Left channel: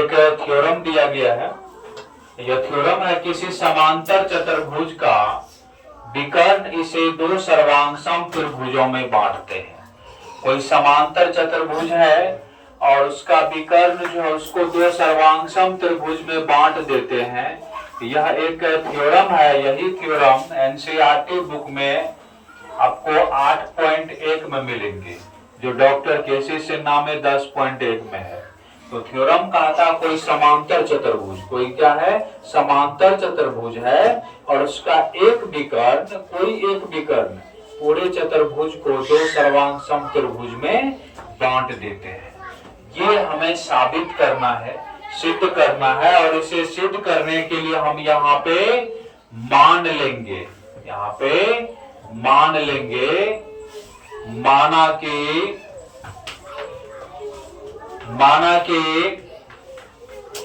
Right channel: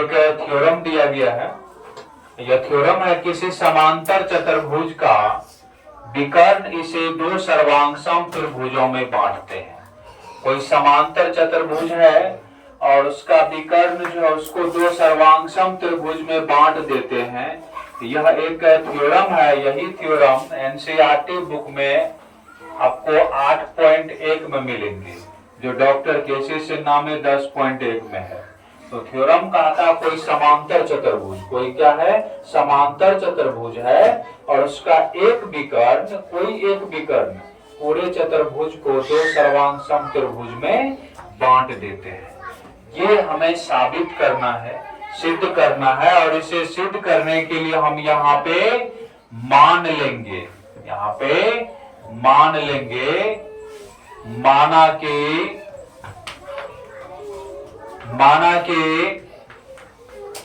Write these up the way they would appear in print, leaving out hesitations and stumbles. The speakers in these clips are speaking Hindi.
एक थ्योरम दिया गया है। यह थ्योरम है किसी समांतर चतुर्भुज का विकर्ण इसे दो सर्वांगसम त्रिभुजों में बांटते हैं। कोई समांतर चतुर्भुज है और उसका विकर्ण जो है उसको दो सर्वांगसम त्रिभुज में बांट देते हैं। यह एक थ्योरम है। यही थ्योरम एनसीईआरटी बुक में आपको 8.1 में मिलेंगे, जो डॉक्टर केसी सिन्हा में 10.1 में है। तो थ्योरम कहता कोई समांतर चतुर्भुज, कोई क्या है, समांतर चतुर्भुज है और उसका एक विकर्ण, कोई एक विकर्ण पूरे चतुर्भुज को दो सर्वांगसम त्रिभुज में बांट देते हैं। ये हमें साबित करना है, सिद्ध करना है, और इसे सिद्ध करने के लिए हम यहाँ पे मान लेंगे, यहाँ पे मान लेंगे, माना कि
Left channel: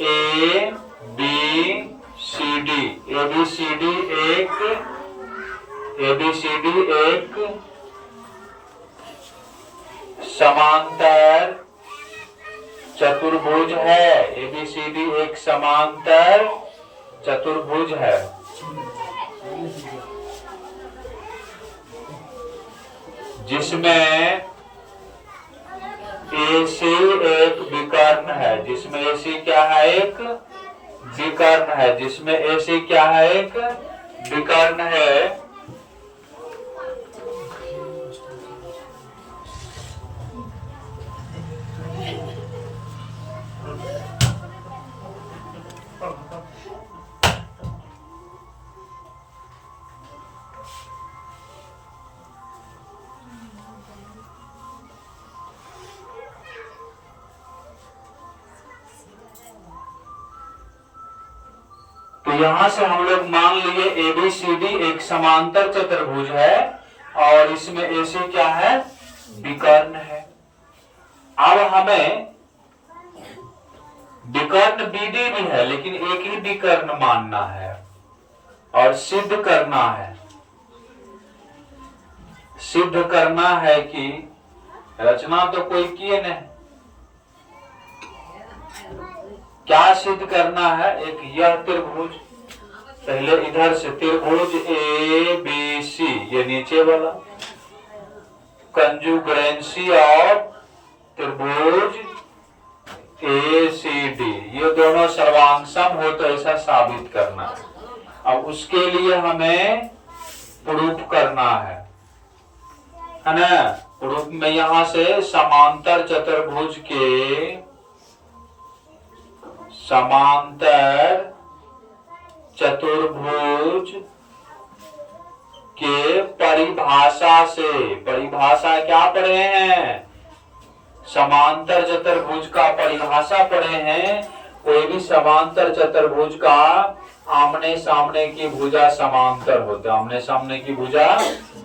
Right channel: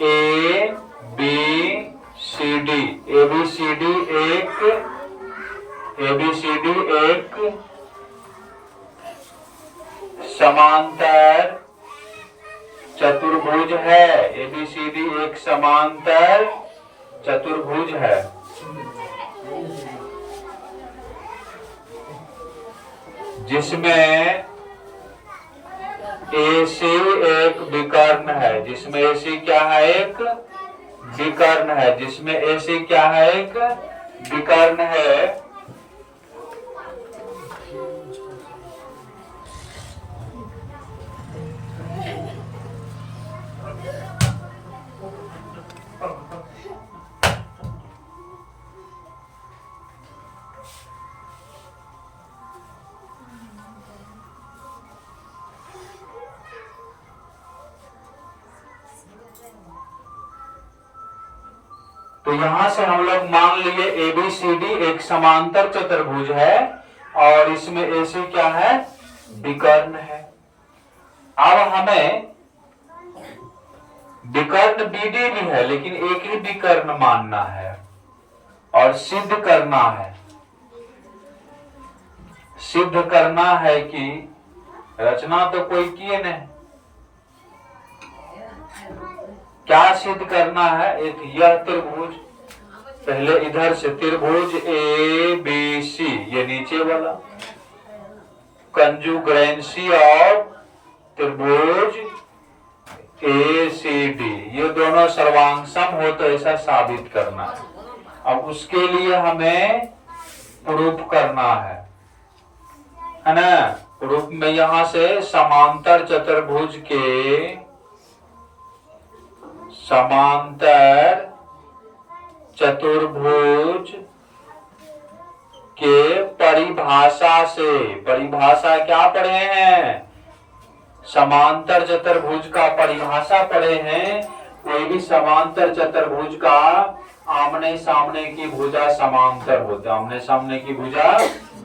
ए बी सी डी एक समांतर चतुर्भुज है। ABCD एक समांतर चतुर्भुज है जिसमें AC एक विकर्ण है, जिसमें AC क्या है, एक विकर्ण है, जिसमें AC क्या है, एक विकर्ण है। तो यहां से हम लोग मान लिए ABCD एक समांतर चतुर्भुज है और इसमें AC क्या है, विकर्ण है। अब हमें विकर्ण BD भी है लेकिन एक ही विकर्ण मानना है और सिद्ध करना है। सिद्ध करना है कि रचना तो कोई किए नहीं, क्या सिद्ध करना है, एक यह त्रिभुज, पहले इधर से त्रिभुज ABC, ये नीचे वाला कंजुगेंसी ऑफ त्रिभुज ACD, ये दोनों सर्वांगसम हो तो ऐसा साबित करना है। अब उसके लिए हमें प्रूफ करना है ना। प्रूफ में यहां से समांतर चतुर्भुज के, समांतर चतुर्भुज के परिभाषा से, परिभाषा क्या पढ़े हैं, समांतर चतुर्भुज का परिभाषा पढ़े हैं। कोई भी समांतर चतुर्भुज का आमने सामने की भुजा समांतर होते हैं, आमने सामने की भुजा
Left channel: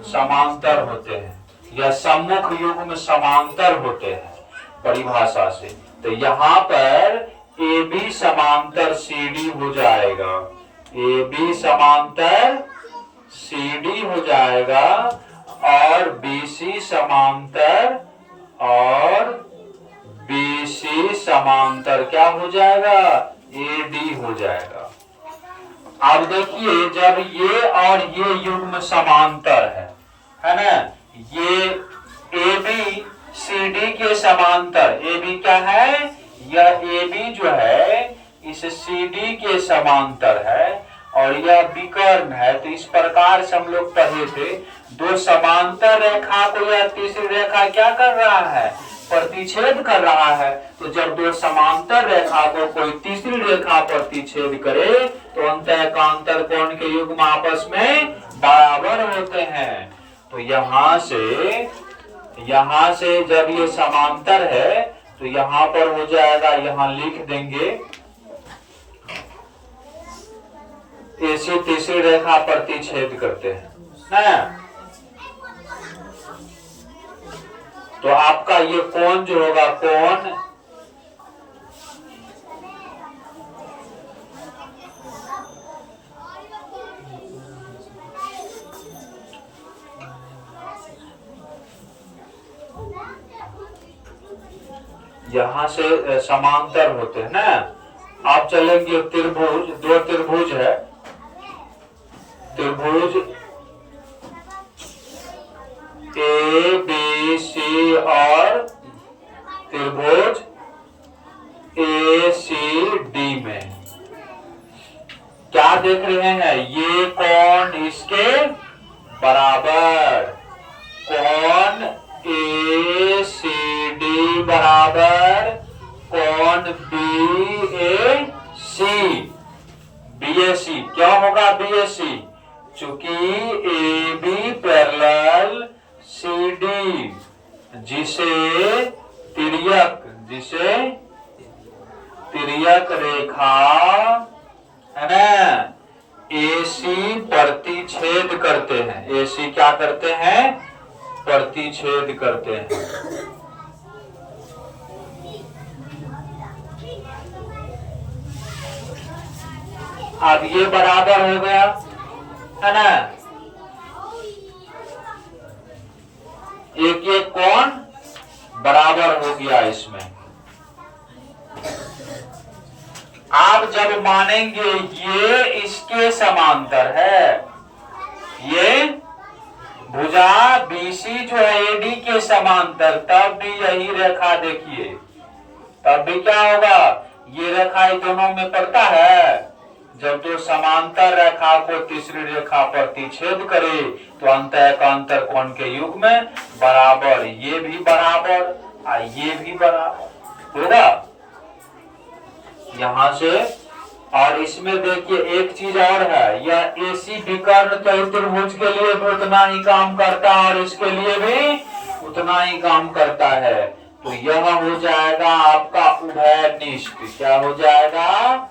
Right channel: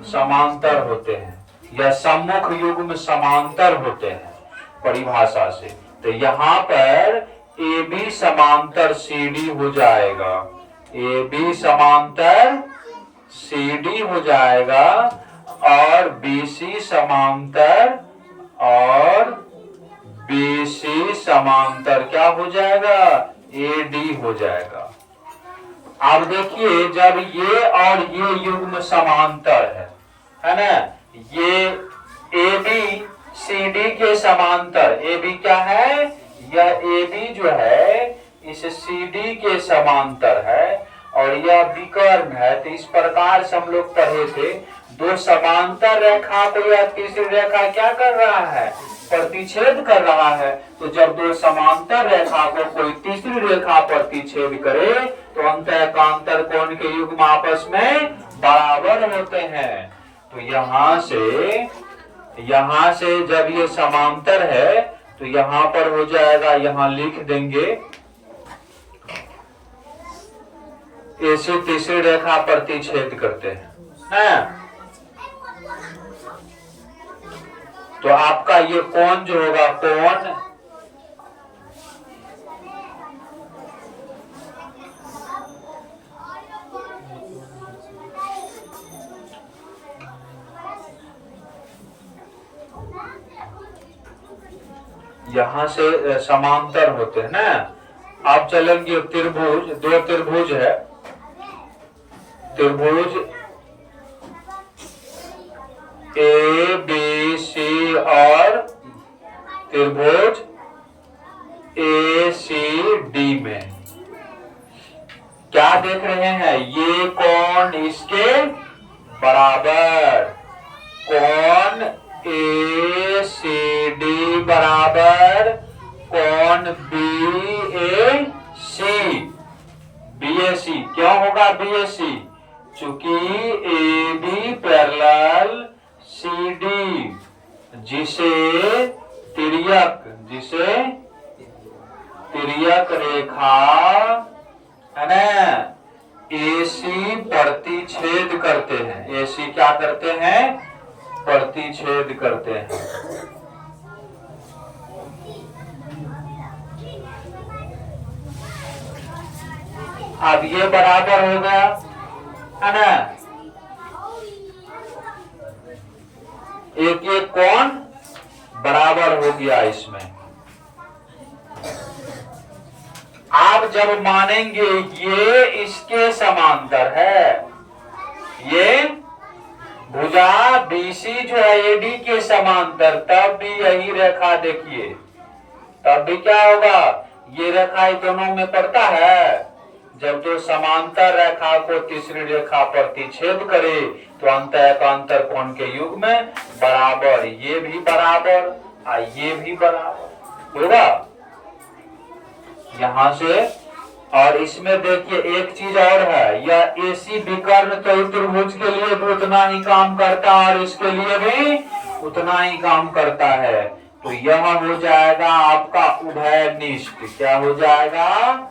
समांतर होते हैं या सम्मुख युग्म समांतर होते हैं परिभाषा से। तो यहाँ पर AB समांतर CD हो जाएगा, AB समांतर CD हो जाएगा और BC समांतर और BC समांतर क्या हो जाएगा, AD हो जाएगा। अब देखिए जब ये और ये युग्म समांतर है ना, ये ABCD के समांतर, AB क्या है, यह AB जो है इस CD के समांतर है और यह विकर्ण है। तो इस प्रकार से हम लोग पढ़े थे, दो समांतर रेखा को यह तीसरी रेखा क्या कर रहा है, प्रतिच्छेद कर रहा है। तो जब दो समांतर रेखा को कोई तीसरी रेखा प्रतिच्छेद करे तो अंतः कांतर कोण के युग्म आपस में बराबर होते हैं। तो यहां से जब ये समांतर है तो यहां पर हो जाएगा, यहां लिख देंगे ऐसे तीसरी रेखा प्रतिच्छेद करते हैं ना। तो आपका ये कोण जो होगा, कोण यहां से समांतर होते हैं ना, आप चलेंगे त्रिभुज, दो त्रिभुज है, त्रिभुज ए बी सी और त्रिभुज ए सी डी में क्या देख रहे हैं, ये कोण इसके बराबर, कोण ए सी डी बराबर कोण B A C, B A सी क्यों होगा बी ए सी, चूंकि A B parallel C D, जिसे तिर्यक रेखा है ना एसी प्रतिच्छेद करते हैं, एसी क्या करते हैं, प्रतिच्छेद करते हैं। अब ये बराबर हो गया है ना, एक एक कोण बराबर हो गया इसमें। आप जब मानेंगे ये इसके समांतर है, ये भुजा बीसी जो है एडी के समांतर, तब भी यही रेखा देखिए, तब भी क्या होगा, ये रेखा दोनों में पड़ता है। जब दो समांतर रेखा को तीसरी रेखा प्रतिच्छेद करे तो अंतर कोण के युग में बराबर, ये भी बराबर और ये भी बराबर होगा यहां से। और इसमें देखिए एक चीज और है, यह एसी विकर्ण त्रिभुज के लिए भी उतना ही काम करता है और इसके लिए भी उतना ही काम करता है। तो यह हो जाएगा आपका उभयनिष्ठ, क्या हो जाएगा,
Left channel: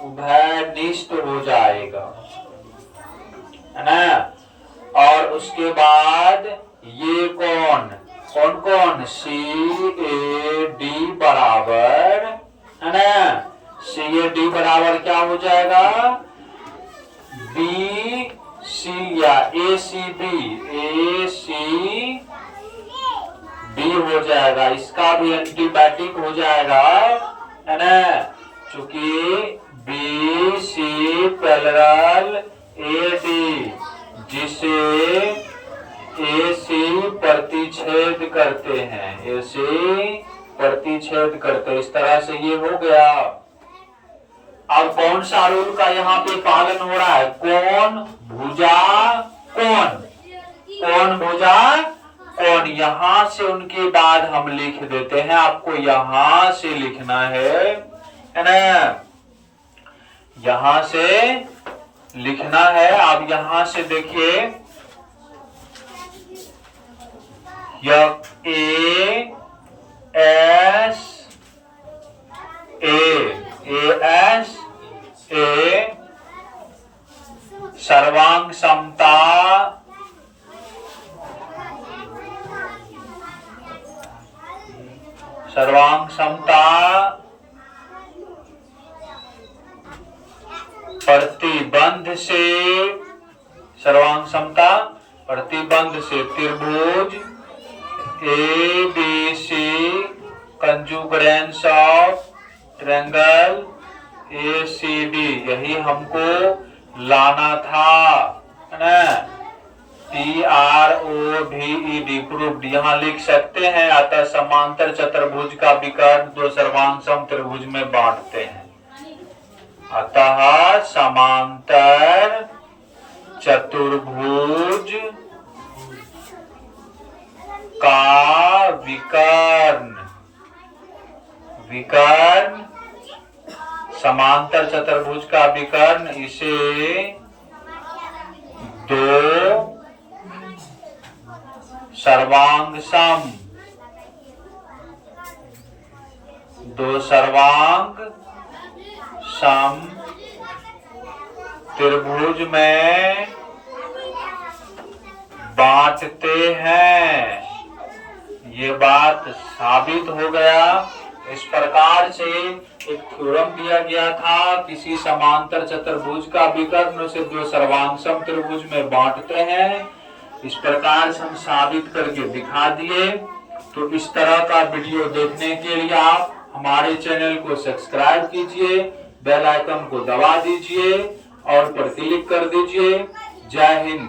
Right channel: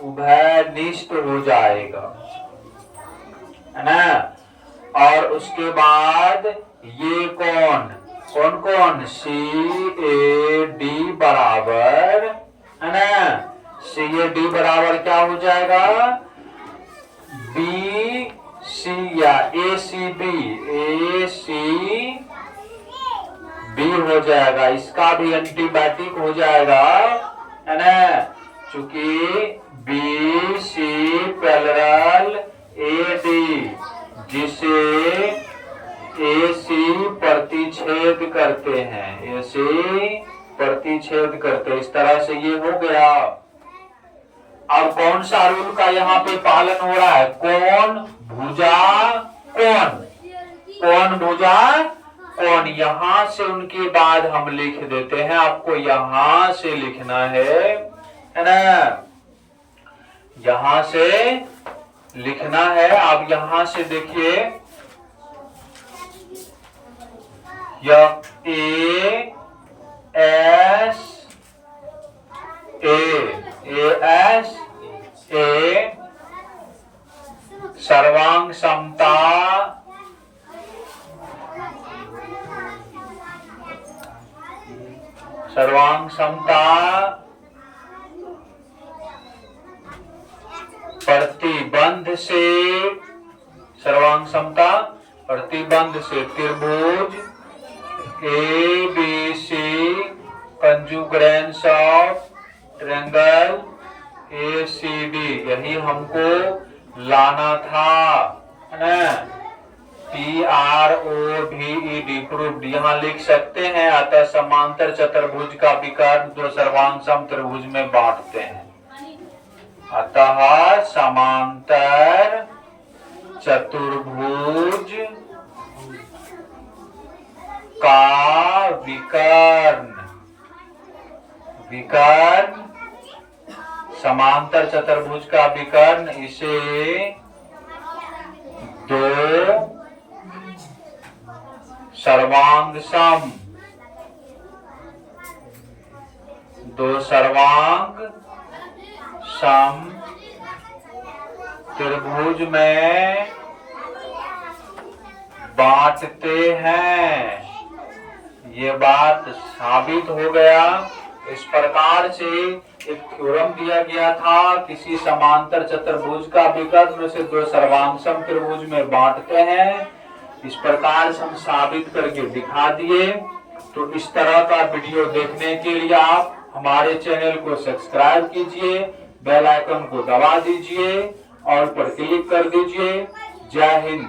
उभयनिष्ठ हो जाएगा, है ना। और उसके बाद ये कौन कौन सी ए डी बराबर, है ना, सी ए डी बराबर क्या हो जाएगा, बी सी या ए सी बी हो जाएगा, इसका भी एंटीबायोटिक हो जाएगा, है ना, चूंकि B C parallel A D, जिसे ए सी प्रतिच्छेद करते हैं, ए सी प्रतिच्छेद करते, इस तरह से ये हो गया। अब कौन सा रूल का यहाँ पे पालन हो रहा है, कोण भुजा कोण भुजा कोण, यहां से उनके बाद हम लिख देते हैं, आपको यहां से लिखना है ना, यहां से लिखना है। आप यहां से देखिए, यह ए एस ए सर्वांग समता प्रतिबंध से, सर्वांग समता प्रतिबंध से त्रिभुज A B C congruence of triangle A C D, यही हमको लाना था, है ना, PROVED प्रूव्ड, यहाँ लिख सकते हैं। अतः समांतर चतुर्भुज का विकर्ण दो सर्वांग सम त्रिभुज में बांटते हैं। अतः समांतर चतुर्भुज का विकर्ण समांतर चतुर्भुज का विकर्ण, इसे दो सर्वांग सम त्रिभुज में बांटते हैं। ये बात साबित हो गया। इस प्रकार से एक थ्योरम दिया गया था, किसी समांतर चतुर्भुज का विकर्ण उसे दो सर्वांग सम त्रिभुज में बांटते हैं। इस प्रकार से हम साबित करके दिखा दिए। तो इस तरह का वीडियो देखने के लिए आप हमारे चैनल को सब्सक्राइब कीजिए, बेल आइकन को दबा दीजिए और पर क्लिक कर दीजिए। जय हिंद।